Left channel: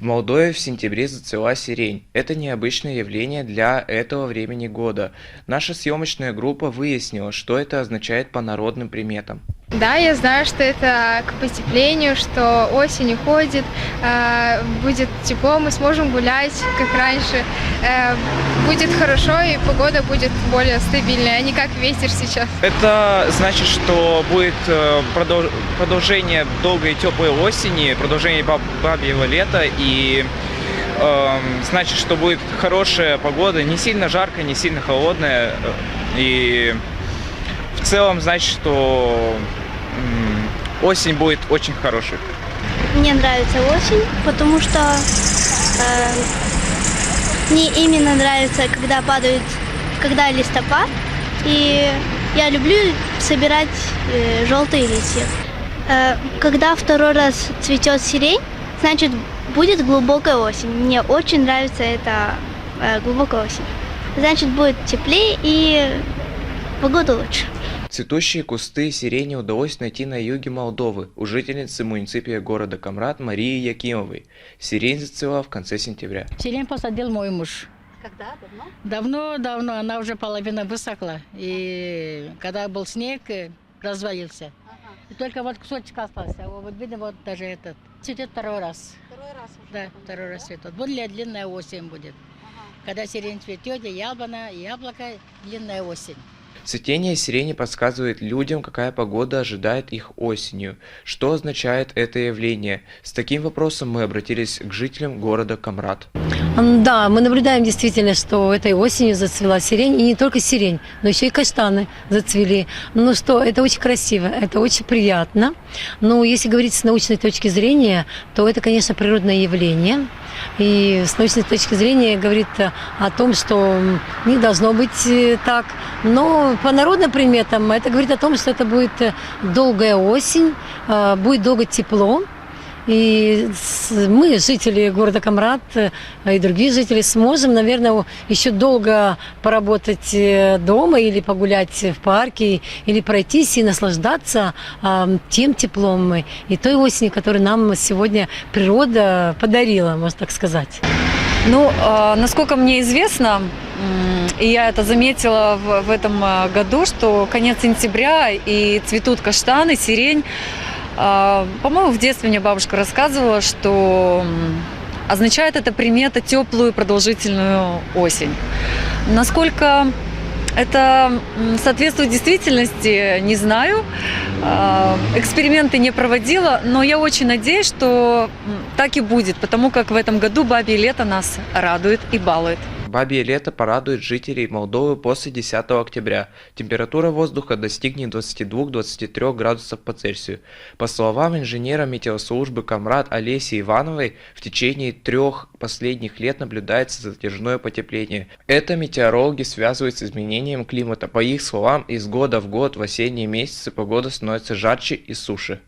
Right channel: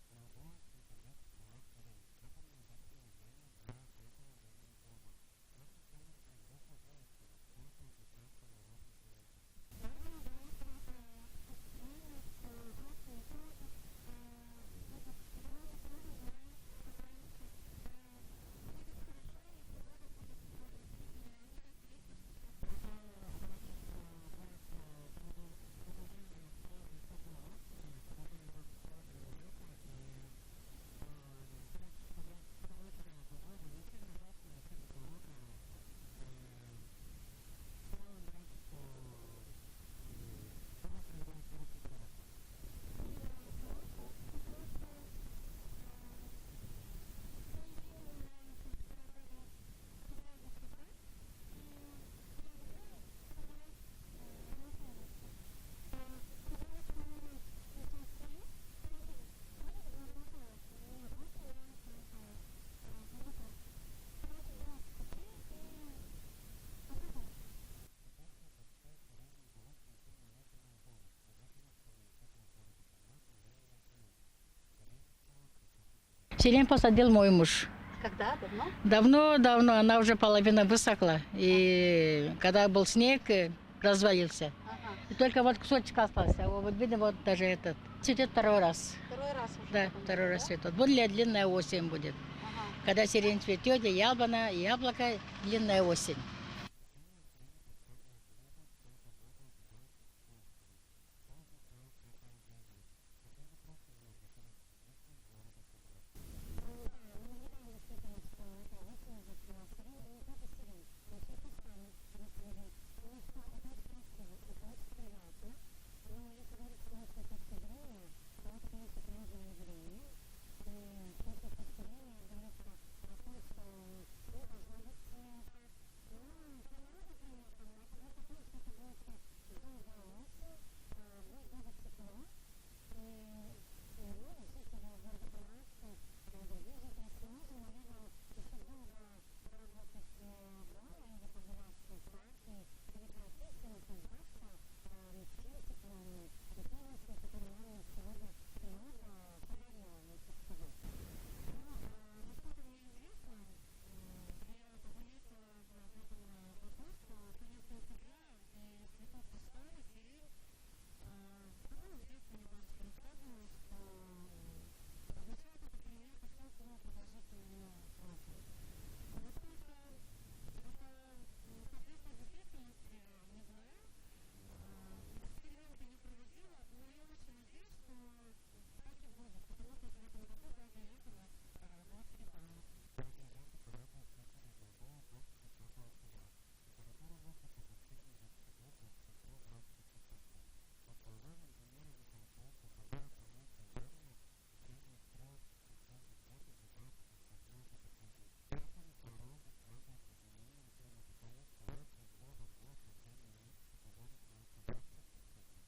В Молдове в сентябре зацвела сирень. Это необычное явление для этого времени года. Наша съемочная группа выяснила, что это означает по народным приметам. Да, я знаю, что это к потеплению, что осень уходит, будет тепло, мы сможем гулять, как раньше, будет хорошо и погода будет более стабильная, а не как ветер сейчас. Это значит, что будет продолжение долгой и теплой осени, продолжение бабьего лета и значит, что будет хорошая погода, не сильно жаркая, не сильно холодная и в целом значит, что осень будет очень хорошей. Мне нравится осень, потому что мне именно нравится, когда листопад, и я люблю собирать желтые листья. Когда второй раз цветет сирень, значит будет глубокая осень. Мне очень нравится эта глубокая осень. Значит будет теплее и погода лучше. Цветущие кусты сирени удалось найти на юге Молдовы у жительницы муниципия города Камрат Марии Якимовой. Сирень зацвела в конце сентября. Сирень посадил мой муж. Когда? Давно? Давно, она уже половина высохла. И когда был снег, развалился. Ага. И только вот кусочек остался. Вот видно, вот даже этот. Цветет второй раз. Второй раз уже. Да, второй раз цветет. Более длинная осень будет. Ага. Когда сирень цветет, и яблоко, длинная осень. Цветение сирени подсказывает людям, какая погода ожидает их осенью. Что означает это явление? С таким вопросом мы обратились к жителям города Камрат. Да, мы наблюдаем действительно, что этой осенью зацвела сирень, и не только сирень, но еще и каштаны зацвели. Ну что, это очень красиво, это очень приятно. Но если говорить с научной точки зрения, то это, конечно, природное явление. И с научной точки зрения говорит о том, что не должно быть так. Но по народным приметам это говорит о том, что это будет долгая осень, будет долго тепло. И мы, жители города Камрат и другие жители, сможем, наверное, еще долго поработать дома или погулять в парке, или пройтись и наслаждаться тем теплом и той осенью, которую нам сегодня природа подарила, можно так сказать. Ну, насколько мне известно, и я это заметила в этом году, что конец сентября и цветут каштаны, сирень. По-моему, в детстве мне бабушка рассказывала, что означает эта примета теплую продолжительную осень. Насколько это соответствует действительности, не знаю. Эксперименты не проводила, но я очень надеюсь, что так и будет, потому как в этом году бабье лето нас радует и балует. Бабье лето порадует жителей Молдовы после 10 октября. Температура воздуха достигнет 22-23 градусов по Цельсию. По словам инженера метеослужбы Камрат Олеси Ивановой, в течение 3 последних лет наблюдается затяжное потепление. Это метеорологи связывают с изменением климата. По их словам, из года в год в осенние месяцы погода становится жарче и суше.